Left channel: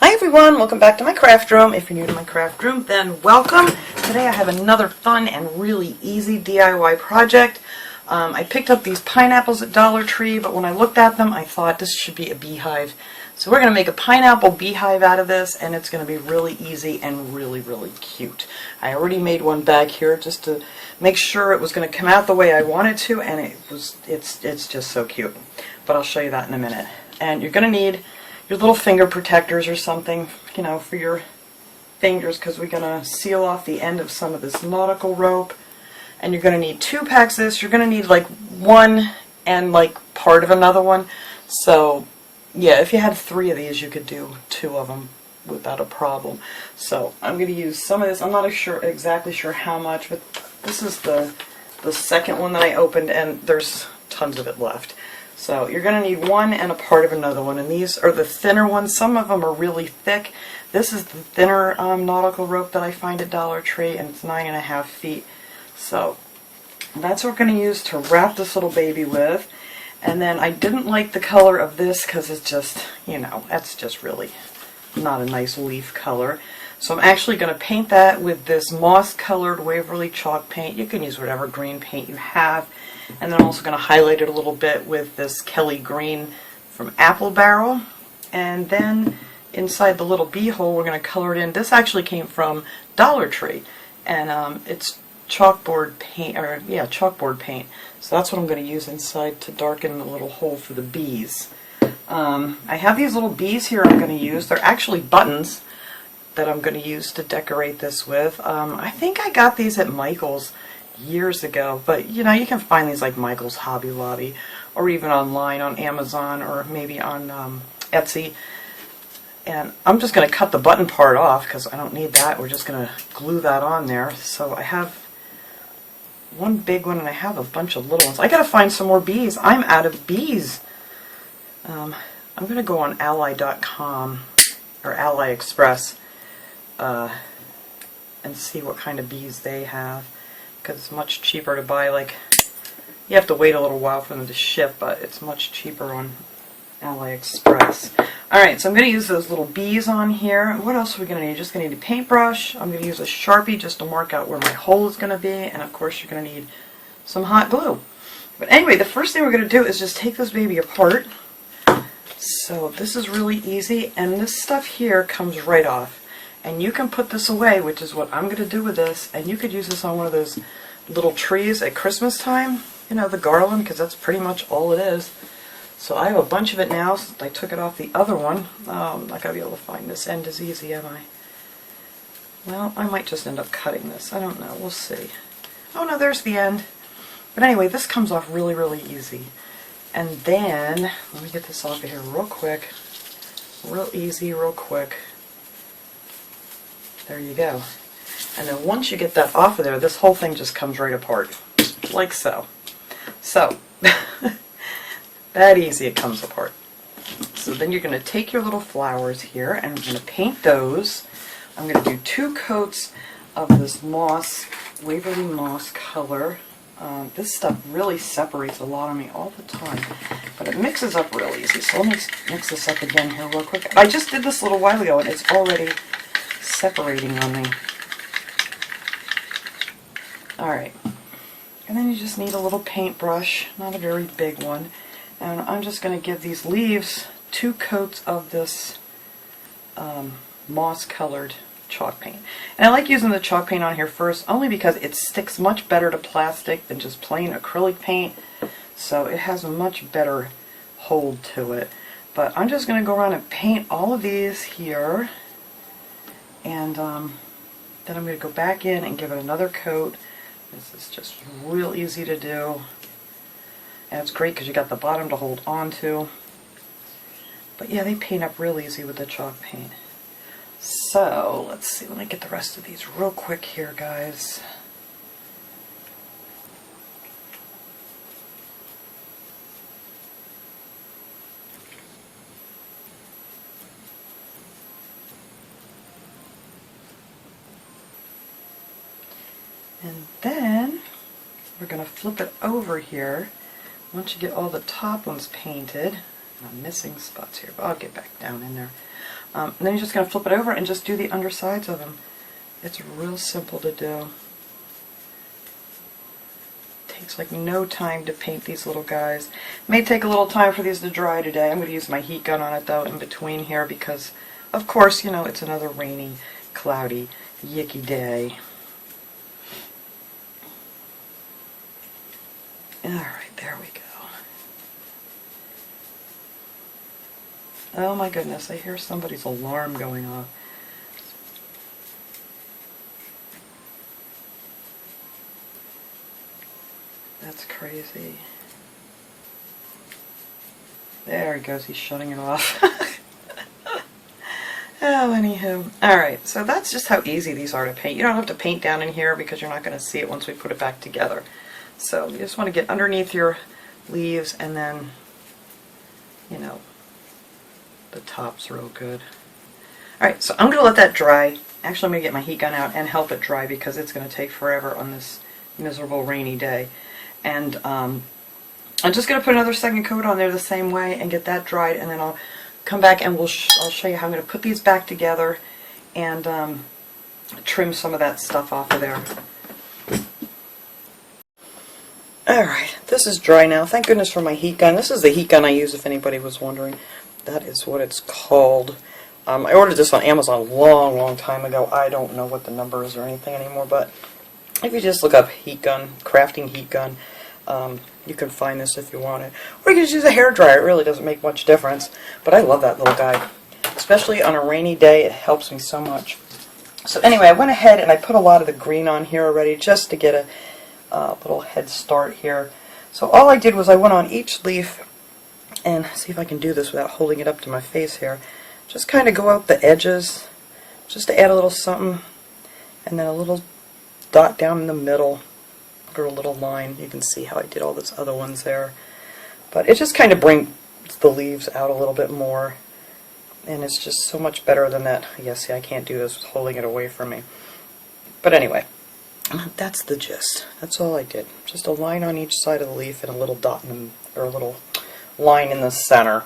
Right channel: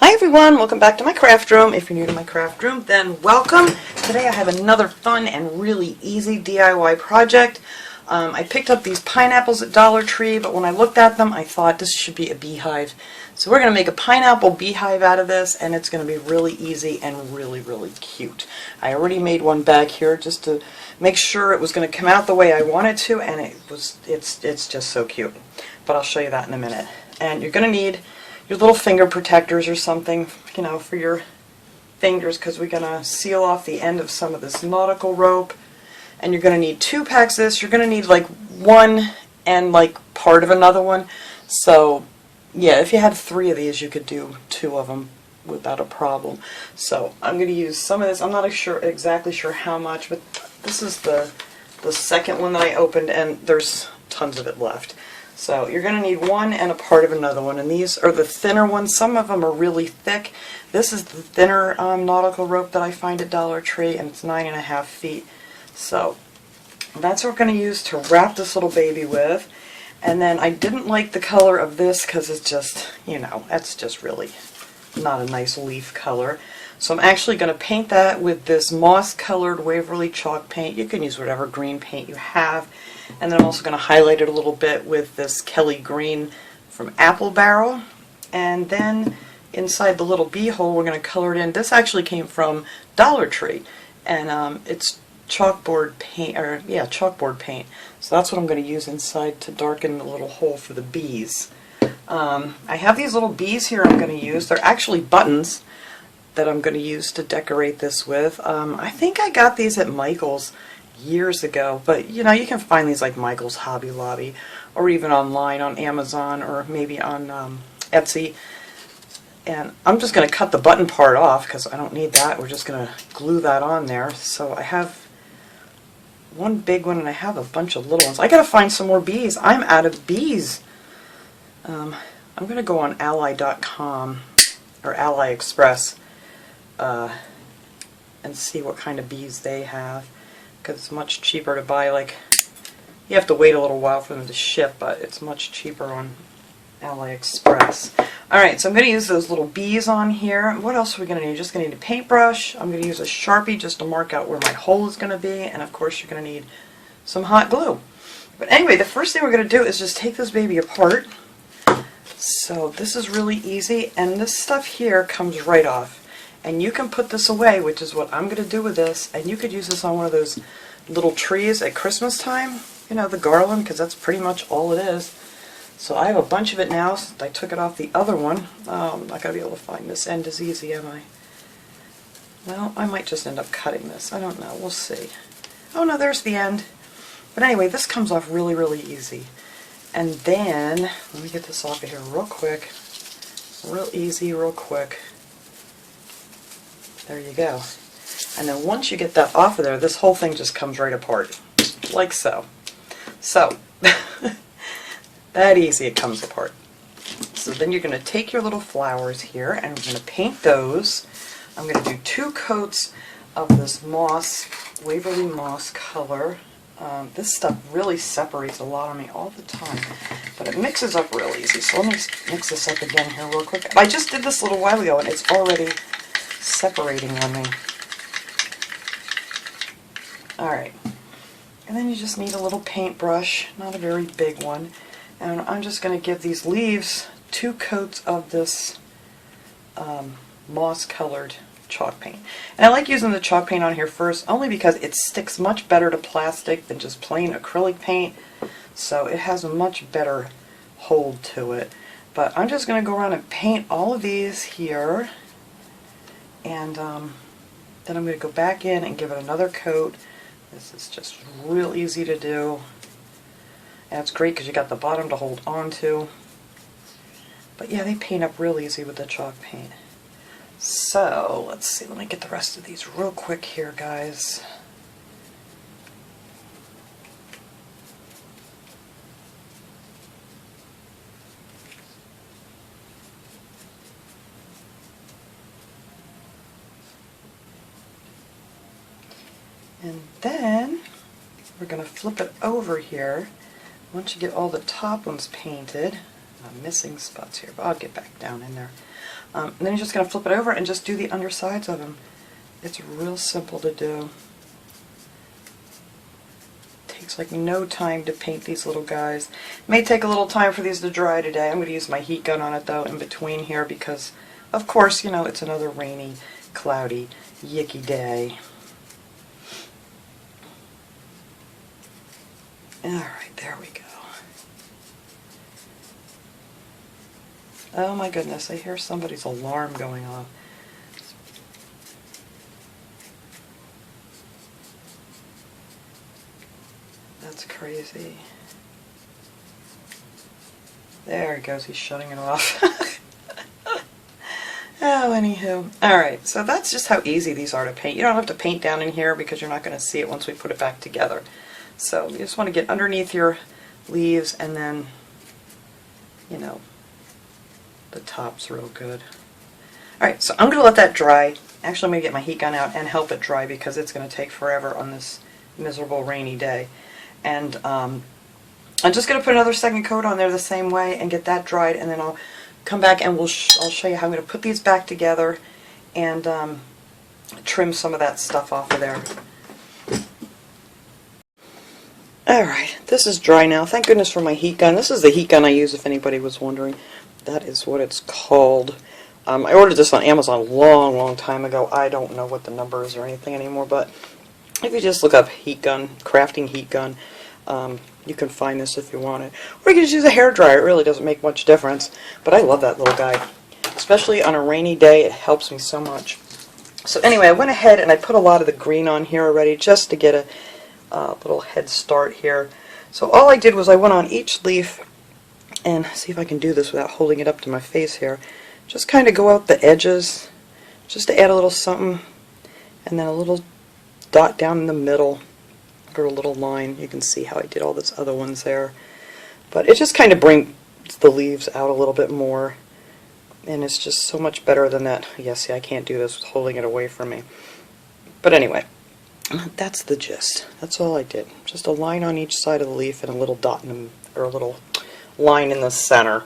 Hi everyone, welcome back to my craft room. If you're new to my craft room, then welcome. Today I have another fun and really easy DIY project. I picked up these pineapples at Dollar Tree, but when I looked at them I thought this should be a beehive. So we're going to make a pineapple beehive out of this, and it's going to be really easy and really cute. I already made one back here just to make sure it was going to come out the way I wanted to, and it's just so cute. But I'll show you that in a minute. And you're going to need your little finger protectors or something, you know, for your fingers, because we're going to seal off the end of some of this nautical rope. And you're going to need 2 packs of this. You're going to need like one and like part of another one. So yeah, if you had 3 of these, you could do 2 of them without a problem. So I'm going to use some of this. I'm not exactly sure how much, but this is the second one that I opened, and there's tons of it left. So you're going to need one and a part of another one, and these are the thinner ones. Some of them are really thick. This is the thinner nautical rope that I find at Dollar Tree, and it's 9.5 feet. So that's what we're going to use to wrap this little baby with. And then I didn't like the color of this because it's just, you know, that's just really not a nice leaf color. So I'm actually going to paint that with this moss-colored Waverly chalk paint. You can use whatever green paint you have. And then I'm also going to highlight it a little bit with this Kelly Green from Apple Barrel. And then inside the little bee hole we're going to color it in. This actually came from Dollar Tree, and it's chalkboard paint, chalkboard paint. So that's what I'm going to use inside to darken the little hole for the bees. I have these little bees here I'm going to use. They're actually buttons that I'm going to use to decorate this with. I think I got these at Michael's years ago, but you know, you can find these like Michael's, Hobby Lobby, or even online on Amazon, or maybe on Etsy. And I'm just going to cut the button part off because I don't need that. We're just going to glue that on there. So I have one big one and I have a bunch of little ones. I got to find some more bees. I'm out of bees. I'm going to go on ally.com or AliExpress and see what kind of bees they have, because it's much cheaper to buy. Like, you have to wait a little while for them to ship, but it's much cheaper on AliExpress. Alright, so I'm going to use those little bees on here. What else are we going to need? Just going to need a paintbrush. I'm going to use a Sharpie just to mark out where my hole is going to be, and of course you're going to need some hot glue. But anyway, the first thing we're going to do is just take this baby apart. So this is really easy, and this stuff here comes right off. And you can put this away, which is what I'm going to do with this, and you could use this on one of those little trees at Christmas time, you know, the garland, because that's pretty much all it is. So I have a bunch of it now since I took it off the other one. I'm not going to be able to find this end as easy, am I? Well, I might just end up cutting this. I don't know. We'll see. Oh no, there's the end. But anyway, this comes off really easy. And then, let me get this off of here real quick. Real easy, real quick. There you go. And then once you get that off of there, this whole thing just comes right apart. Like so. So, that easy it comes apart. So then you're going to take your little flowers here, and I'm going to paint those. I'm going to do 2 coats of this moss, Waverly moss color. This stuff really separates a lot on me all the time, but it mixes up real easy. So let me mix this up again here real quick. I just did this a little while ago, and it's already separating on me. Alright, and then you just need a little paintbrush, not a very big one, and I'm just going to give these leaves 2 coats of this moss colored chalk paint. And I like using the chalk paint on here first only because it sticks much better to plastic than just plain acrylic paint, so it has a much better hold to it. But I'm just going to go around and paint all of these here. And then I'm going to go back in and give it another coat. This is just real easy to do. And it's great because you got the bottom to hold on to. But yeah, they paint up real easy with the chalk paint. So, let's see, let me get the rest of these real quick here, guys. And then we're going to flip it over here. Once you get all the top ones painted, I'm missing spots here, but I'll get back down in there. And then you're just going to flip it over and just do the undersides of them. It's real simple to do. Takes like no time to paint these little guys. May take a little time for these to dry today. I'm going to use my heat gun on it though in between here because, of course, you know, it's another rainy, cloudy, yicky day. Alright, there we go. Oh my goodness, I hear somebody's alarm going off. That's crazy. There he goes, he's shutting it off. Oh, anywho. Alright, so that's just how easy these are to paint. You don't have to paint down in here because you're not going to see it once we put it back together. So you just want to get underneath your leaves and then, you know, the top's real good. Alright, so I'm going to let that dry. Actually, I'm going to get my heat gun out and help it dry because it's going to take forever on this miserable rainy day. And I'm just going to put another second coat on there the same way and get that dried, and then I'll come back and I'll show you how I'm going to put these back together and trim some of that stuff off of there. Alright, this is dry now. Thank goodness for my heat gun. This is the heat gun I use if anybody was wondering. That is what it's called. I ordered this on Amazon a long time ago. I don't know what the number is or anything anymore, but if you just look up heat gun, crafting heat gun, you can find this if you want it. Or you can just use a hairdryer. It really doesn't make much difference. But I love that little guy. Especially on a rainy day, it helps me so much. So anyway, I went ahead and I put a lot of the green on here already just to get a little head start here. So all I did was I went on each leaf, and see if I can do this without holding it up to my face here. Just kind of go out the edges, just to add a little something, and then a little dot down in the middle for a little line. You can see how I did all those other ones there. But it just kind of brings the leaves out a little bit more, and it's just so much better than that. Yeah, see, I can't do this with holding it away from me. But anyway, that's the gist. That's all I did. Just a line on each side of the leaf and a little dot in the, or a little line in the center.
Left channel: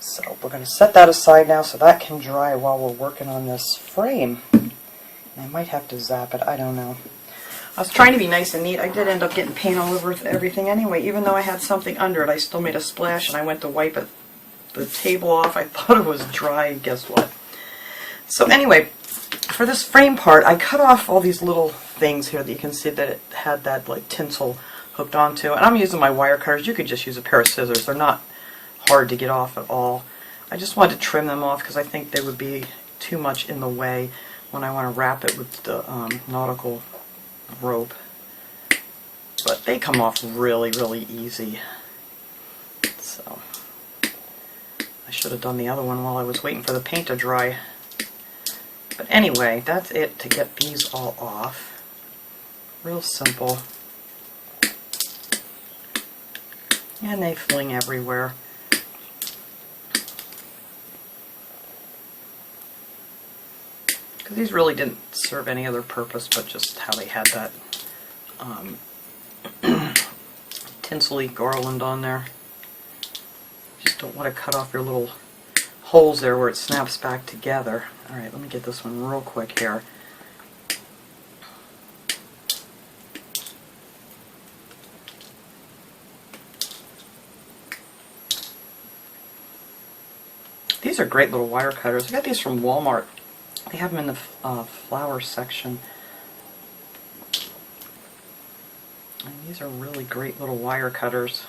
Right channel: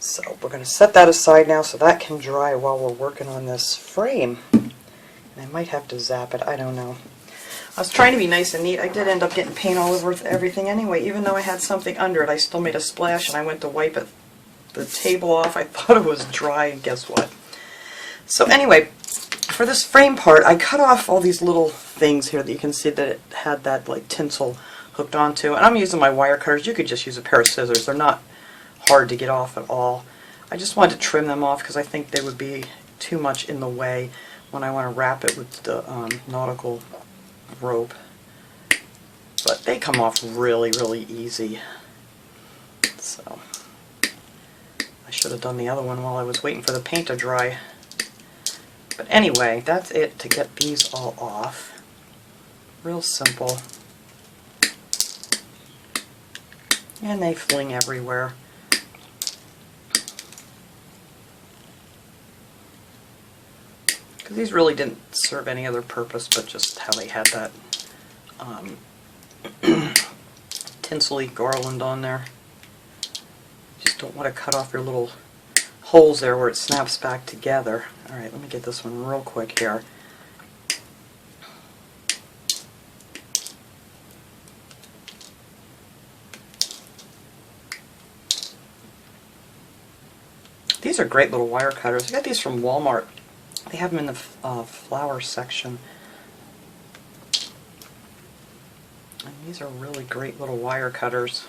So we're going to set that aside now so that can dry while we're working on this frame. And I might have to zap it, I don't know. I was trying to be nice and neat. I did end up getting paint all over everything anyway. Even though I had something under it, I still made a splash, and I went to wipe the table off. I thought it was dry, and guess what? So anyway, for this frame part, I cut off all these little things here that you can see that it had that like tinsel hooked onto. And I'm using my wire cutters. You could just use a pair of scissors. They're not hard to get off at all. I just wanted to trim them off because I think they would be too much in the way when I want to wrap it with the Nautical Rope. But they come off really easy. So I should have done the other one while I was waiting for the paint to dry. But anyway, that's it to get these all off. Real simple. And they fling everywhere. Because these really didn't serve any other purpose but just how they had that tinsel-y garland on there. Just don't want to cut off your little holes there where it snaps back together. Alright, let me get this one real quick here. These are great little wire cutters. I got these from Walmart. They have them in the flower section. And these are really great little wire cutters.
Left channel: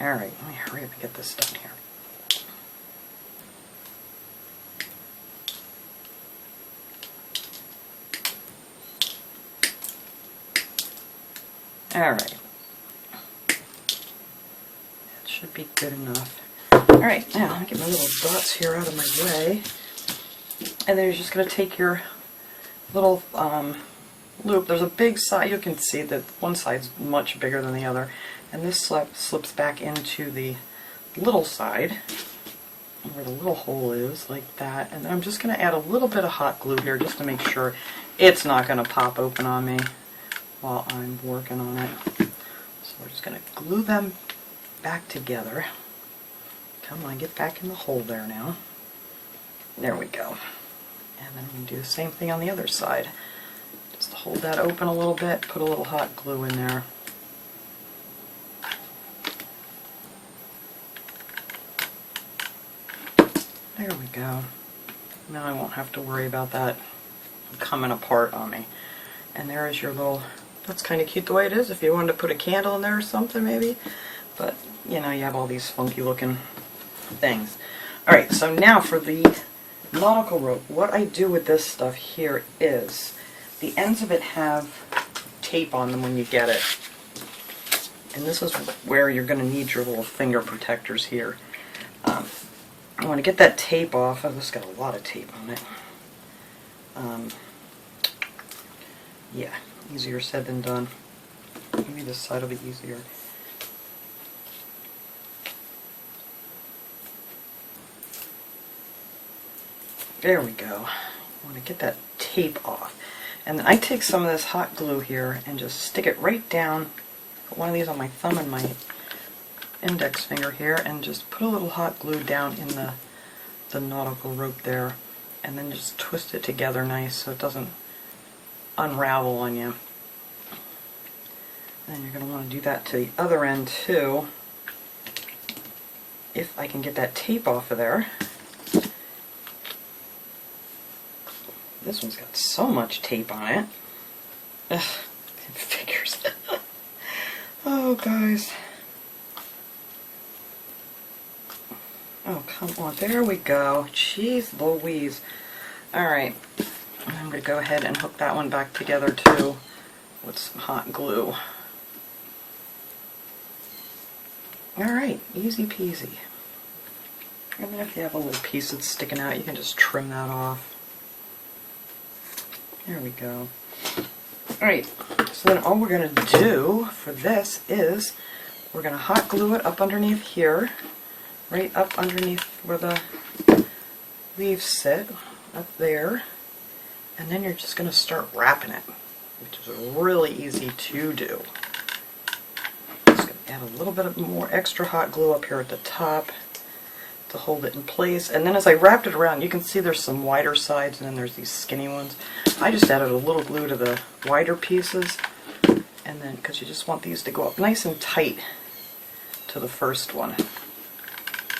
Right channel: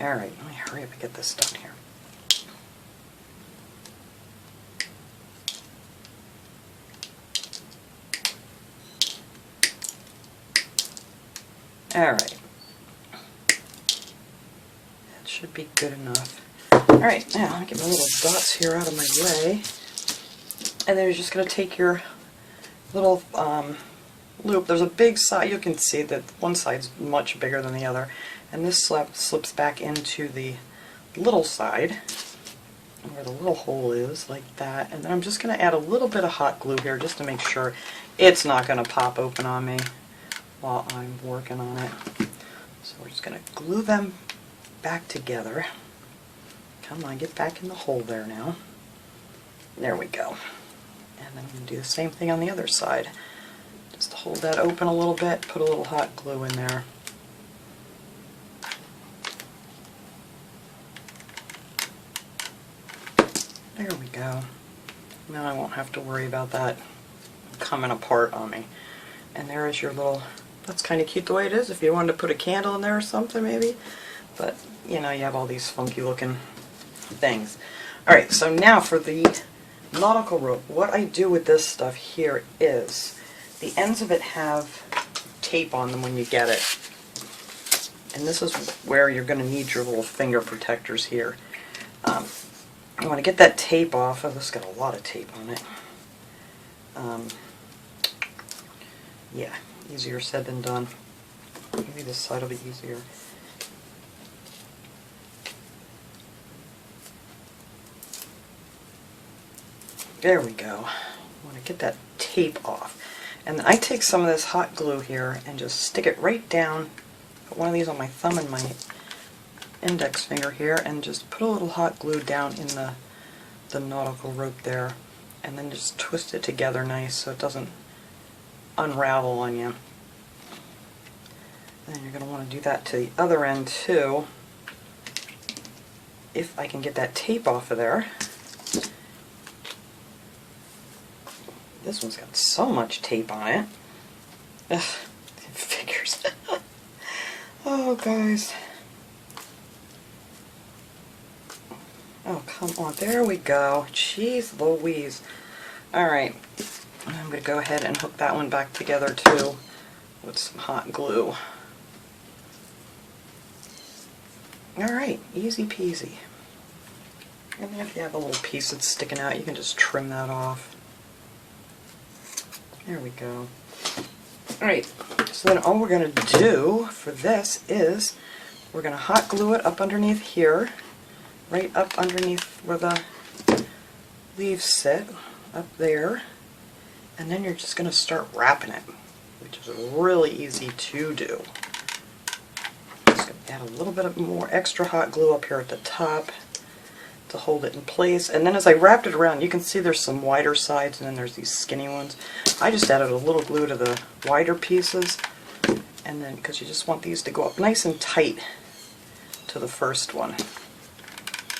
Alright, let me hurry up and get this done here. Alright. That should be good enough. Alright, now I'll get my little dots here out of my way. And then you're just going to take your little loop. There's a big side. You can see that one side's much bigger than the other. And this slips back into the little side. where the little hole is, like that. And then I'm just going to add a little bit of hot glue here just to make sure it's not going to pop open on me while I'm working on it. So we're just going to glue them back together. Come on, get back in the hole there now. There we go. And then we can do the same thing on the other side. Just hold that open a little bit, put a little hot glue in there. There we go. Now I won't have to worry about that coming apart on me. And there is your little, that's kind of cute the way it is, if you wanted to put a candle in there or something maybe. But, you know, you have all these funky looking things. Alright, so now for the nautical rope. What I do with this stuff here is, the ends of it have tape on them when you get it. And this is where you're going to need your little finger protectors here. I want to get that tape off. Oh, this has got a lot of tape on it. Yeah, easier said than done. Maybe this side will be easier. There we go. I want to get that tape off. And then I take some of this hot glue here and just stick it right down, put one of these on my thumb and my index finger here, and just put a little hot glue down in the nautical rope there, and then just twist it together nice so it doesn't unravel on you. And then you're going to want to do that to the other end too, if I can get that tape off of there. This one's got so much tape on it. Ugh, figures. Oh, guys. Oh, come on. There we go. Jeez Louise. Alright. I'm going to go ahead and hook that one back together, too, with some hot glue. Alright. Easy peasy. And then if you have a little piece that's sticking out, you can just trim that off. There we go. Alright, so then all we're going to do for this is we're going to hot glue it up underneath here, right up underneath where the leaves sit, up there, and then you're just going to start wrapping it, which is really easy to do. Just going to add a little bit of more extra hot glue up here at the top to hold it in place, and then as I wrapped it around, you can see there's some wider sides and then there's these skinny ones. I just added a little glue to the wider pieces, and then because you just want these to go up nice and tight to the first one.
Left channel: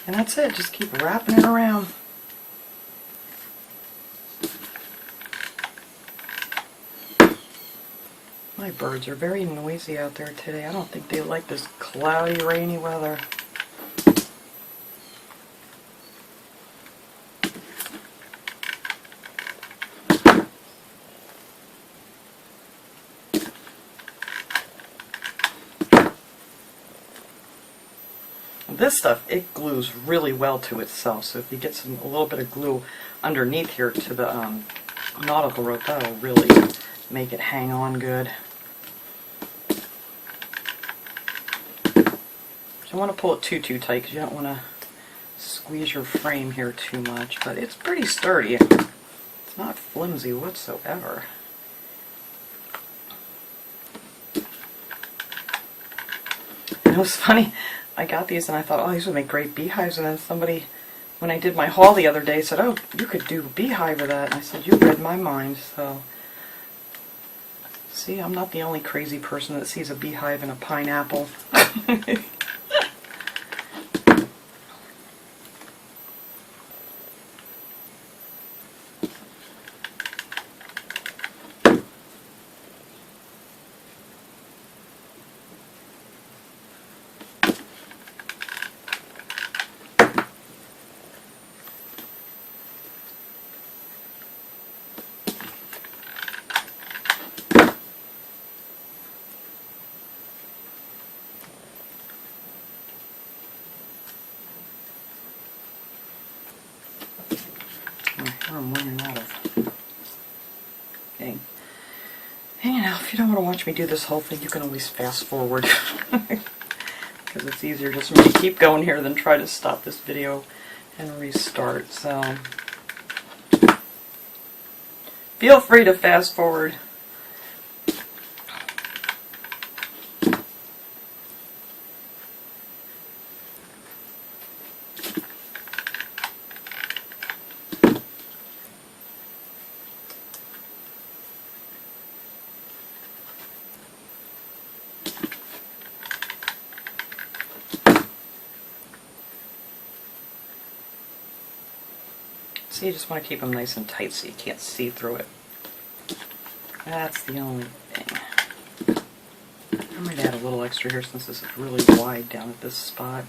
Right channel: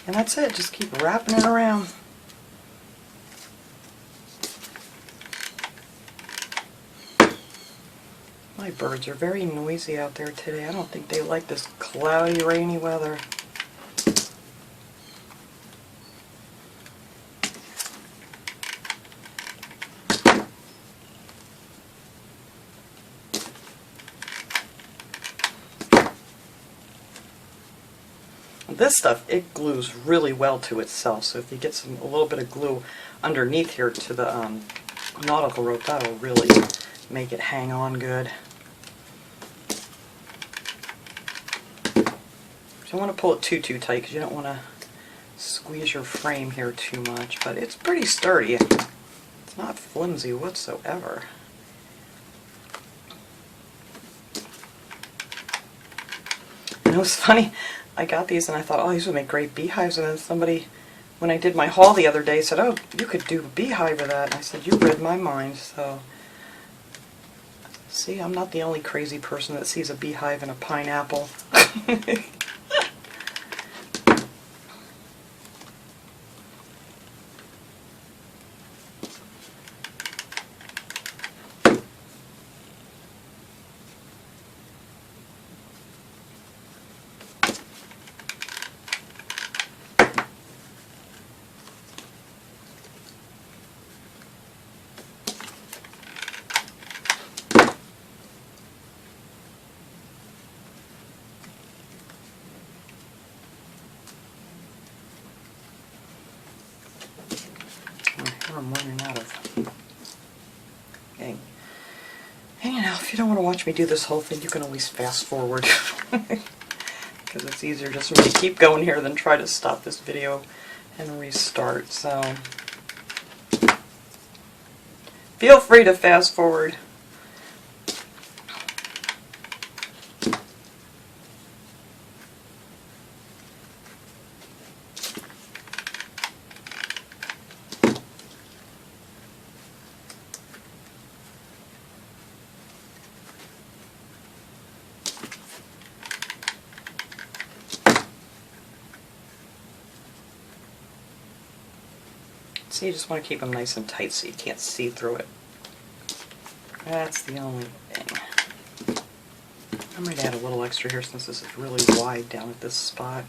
And that's it, just keep wrapping it around. My birds are very noisy out there today. I don't think they like this cloudy, rainy weather. This stuff, it glues really well to itself, so if you get a little bit of glue underneath here to the nautical rope, that'll really make it hang on good. You don't want to pull it too tight because you don't want to squeeze your frame here too much, but it's pretty sturdy. It's not flimsy whatsoever. You know, it's funny, I got these and I thought, oh, these would make great beehives, and then somebody, when I did my haul the other day, said, oh, you could do a beehive with that, and I said, you read my mind. So see, I'm not the only crazy person that sees a beehive and a pineapple. I'm running out of. Okay. And you know, if you don't want to watch me do this whole thing, you can always fast forward. Because it's easier just for me to keep going here than try to stop this video and restart. So feel free to fast forward. So you just want to keep them nice and tight so you can't see through it. That's the only thing. I might add a little extra here since this is really wide down at this spot.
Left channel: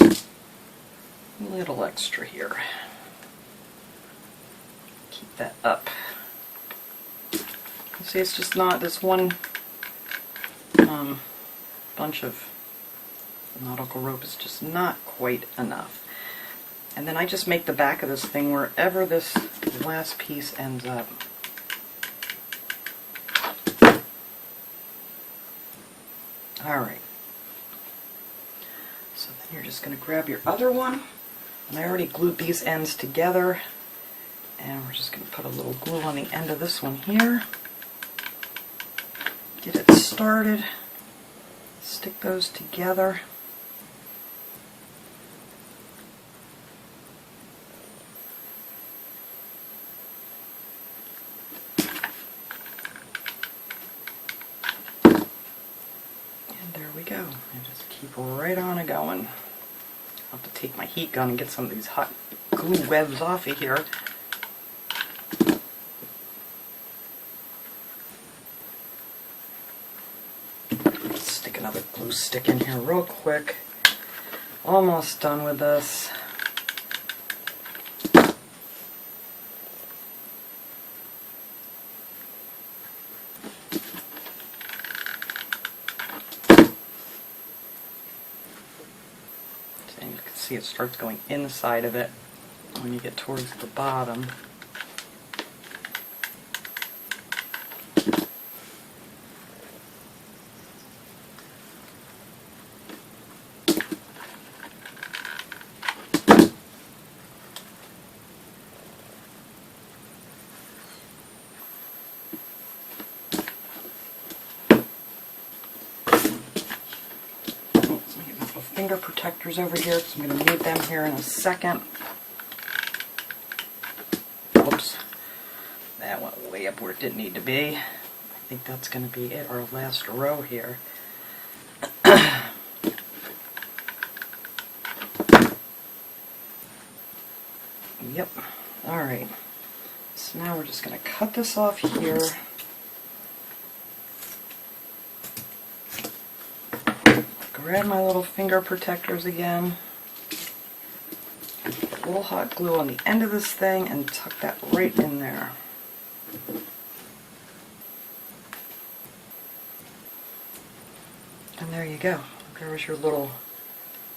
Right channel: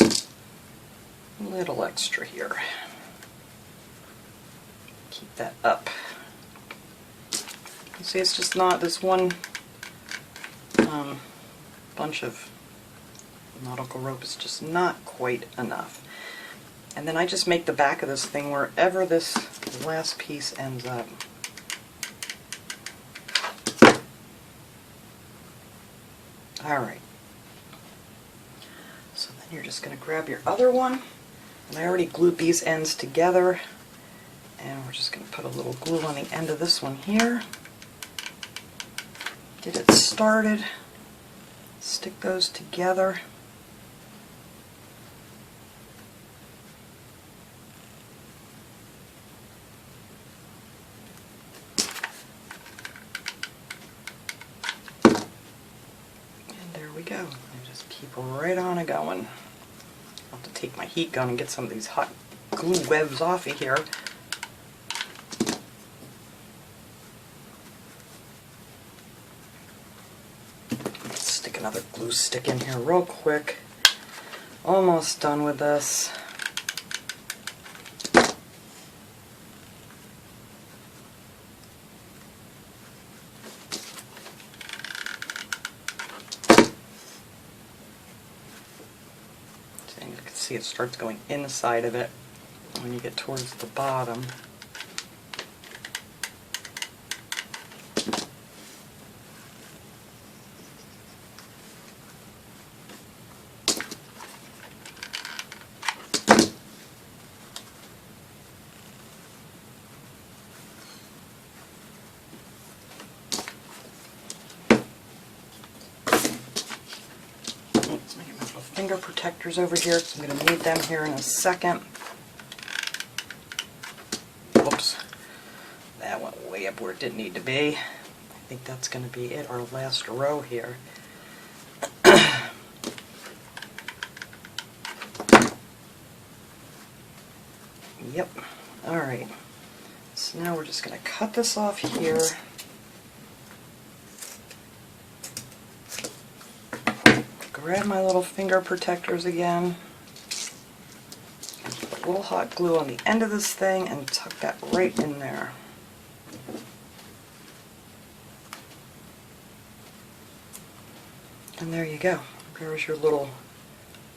A little extra here. Keep that up. See, it's just not this one bunch of nautical rope is just not quite enough. And then I just make the back of this thing wherever this last piece ends up. Alright. So then you're just going to grab your other one. And I already glued these ends together. And we're just going to put a little glue on the end of this one here. Get it started. Stick those together. And there we go. And just keep right on going. I'll have to take my heat gun and get some of these hot glue webs off of here. Stick another glue stick in here real quick. Almost done with this. And you can see it starts going inside of it when you get towards the bottom. Finger protectors over here because I'm going to need them here in a second. Oops, that went way up where it didn't need to be. I think that's going to be it, our last row here. Yep, alright. So now we're just going to cut this off here. Grab my little finger protectors again, put a little hot glue on the end of this thing and tuck that right in there. And there you go. There's your little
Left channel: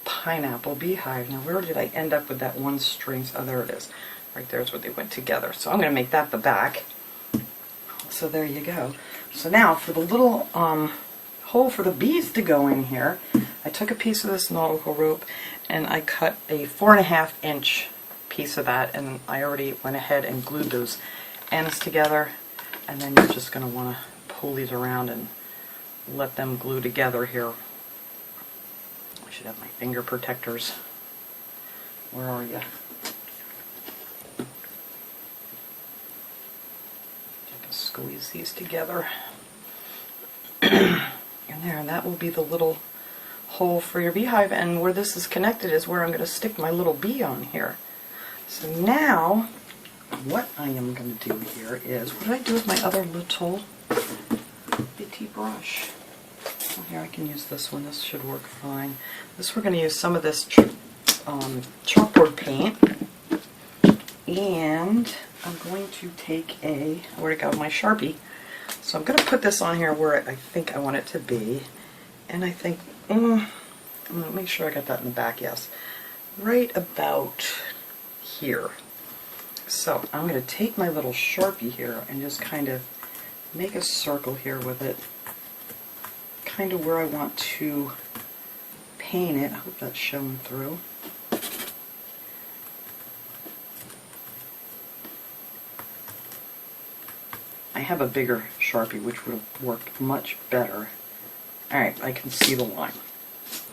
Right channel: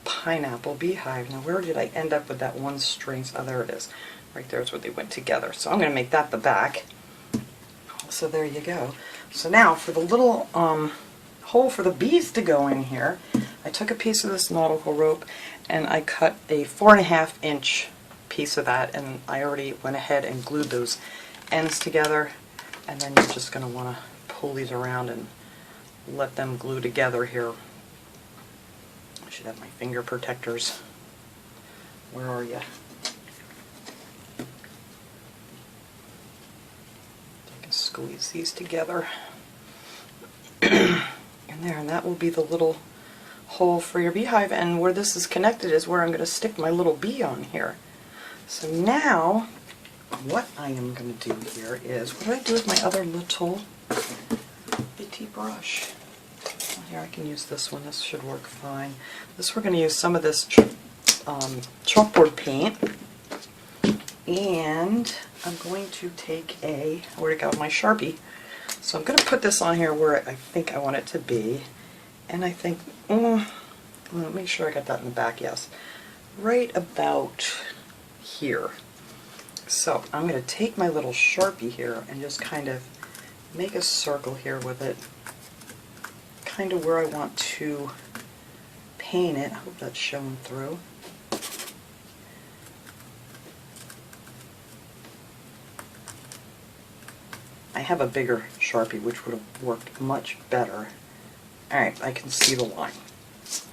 pineapple beehive. Now where did I end up with that one string? Oh, there it is. Right there's where they went together. So I'm going to make that the back. So there you go. So now for the little hole for the bees to go in here, I took a piece of this nautical rope and I cut a 4.5 inch piece of that, and I already went ahead and glued those ends together, and then you're just going to want to pull these around and let them glue together here. I should have my finger protectors. Where are you? I can squeeze these together. And there, and that will be the little hole for your beehive, and where this is connected is where I'm going to stick my little bee on here. So now, what I am going to do here is, what did I do with my other little bitty brush? Oh, here, I can use this one. This should work fine. This, we're going to use some of this chalkboard paint, and I'm going to take a, where'd it go, my Sharpie. So I'm going to put this on here where I think I want it to be, and I think, make sure I got that in the back, yes, right about here. So I'm going to take my little Sharpie here and just kind of make a circle here with it. kind of where I want to paint it. I hope that's showing through. I have a bigger Sharpie, which would have worked much better. Alright, I can see the line.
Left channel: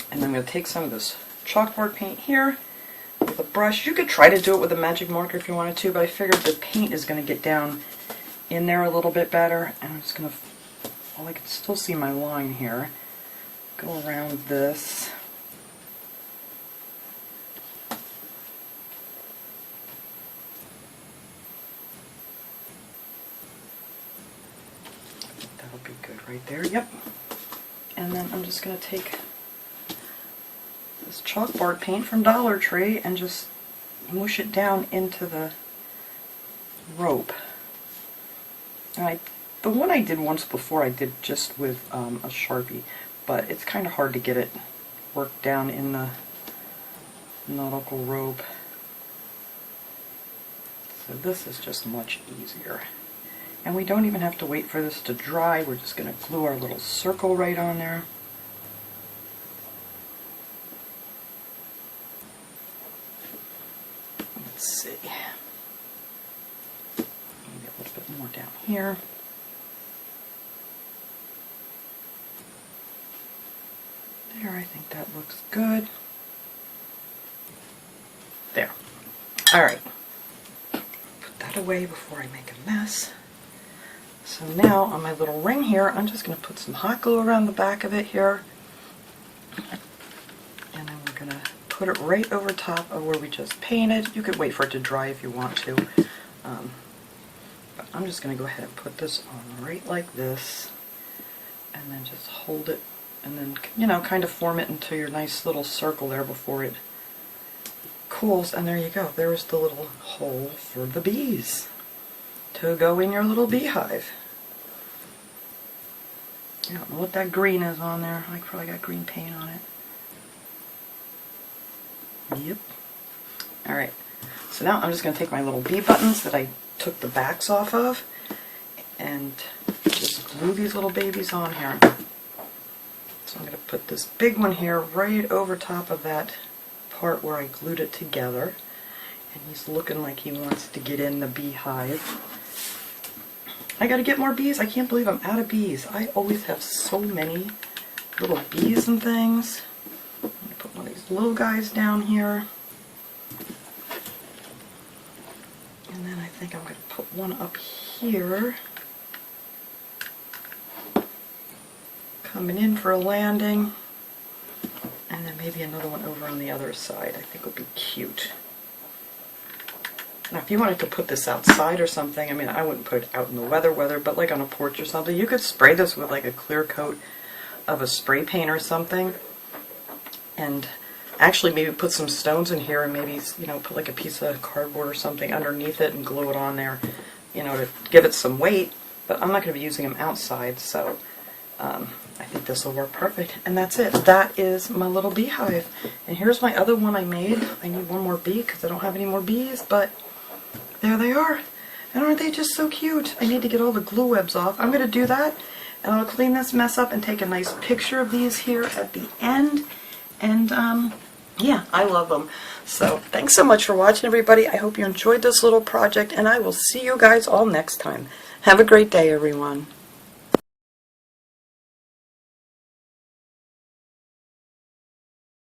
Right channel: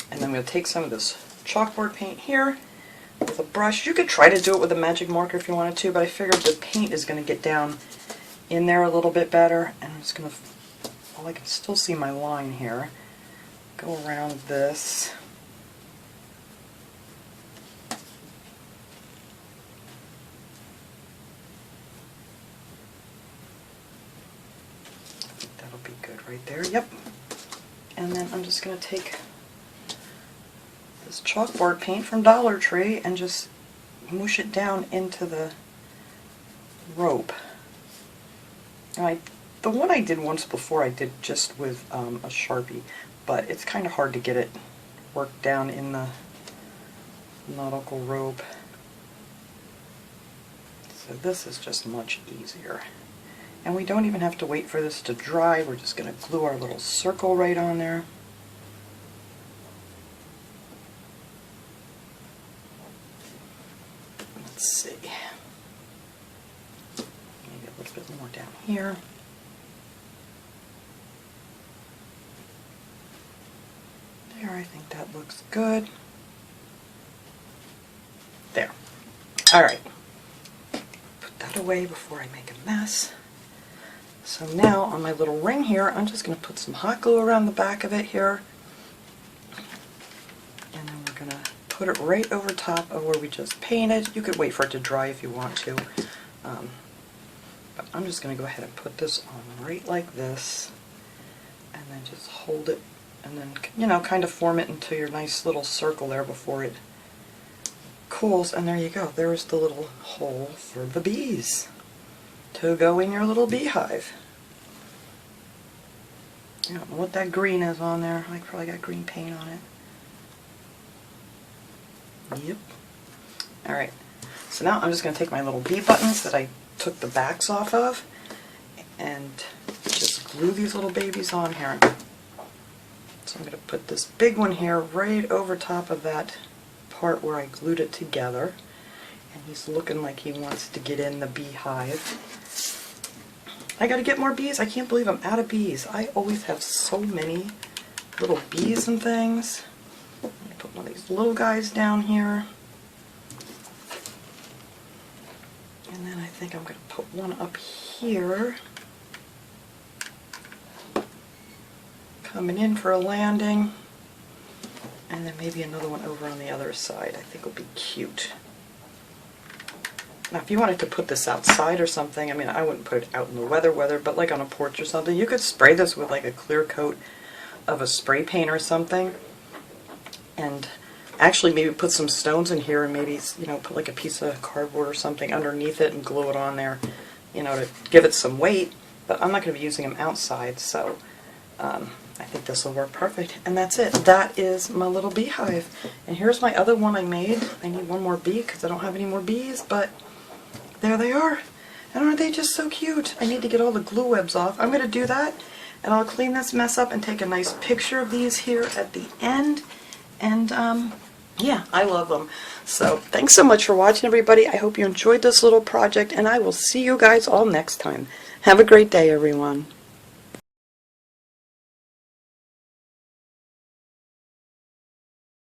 And then I'm going to take some of this chalkboard paint here with a brush. You could try to do it with a magic marker if you wanted to, but I figured the paint is going to get down in there a little bit better. And I'm just going to, well, I can still see my line here, go around this. That'll be good right there, yep. And then I'm just going to take this chalkboard paint from Dollar Tree and just mush it down into the rope. And the one I did once before I did just with a Sharpie, but it's kind of hard to get it worked down in the Nautical Rope. So this is just much easier. And we don't even have to wait for this to dry. We're just going to glue our little circle right on there. Let's see. Maybe a little bit more down here. There, I think that looks good. There. Alright. Put that away before I make a mess. So now on my little ring here, I'm just going to put some hot glue around the back of it here. And then we're going to put it right over top of where we just painted. You could wait for it to dry if you want to. But I'm just going to go ahead and put this on right like this. And then just hold it. And then, you know, kind of form it into your nice little circle there before it cools. And there you go. There's the little hole for the bees to go in your little beehive. I don't know what that green is on there. I probably got green paint on it. Yep. Alright, so now I'm just going to take my little bee buttons that I took the backs off of and just glue these little babies on here. So I'm going to put this big one here right over top of that part where I glued it together. And he's looking like he wants to get in the beehive. I gotta get more bees. I can't believe I'm out of bees. I always have so many little bees and things. I'm gonna put one of these little guys down here. And then I think I'm gonna put one up here. Coming in for a landing. And then maybe another one over on the other side. I think would be cute. Now, if you wanted to put this outside or something, I mean, I wouldn't put it out in the weather, but like on a porch or something, you could spray this with like a clear coat of a spray paint or something, and actually maybe put some stones in here and maybe, you know, put like a piece of cardboard or something underneath it and glue it on there, you know, to give it some weight. But I'm not going to be using them outside, so I think this will work perfect. And that's it. That is my little beehive. And here's my other one I made. I need one more bee because I don't have any more bees, but there they are. And aren't they just so cute? I need to get all the glue webs off. I'm going to do that, and I'll clean this mess up and take a nice picture of these here at the end. And yeah, I love them. So thanks so much for watching, everybody. I hope you enjoyed this little project, and I will see you guys all next time. Have a great day, everyone.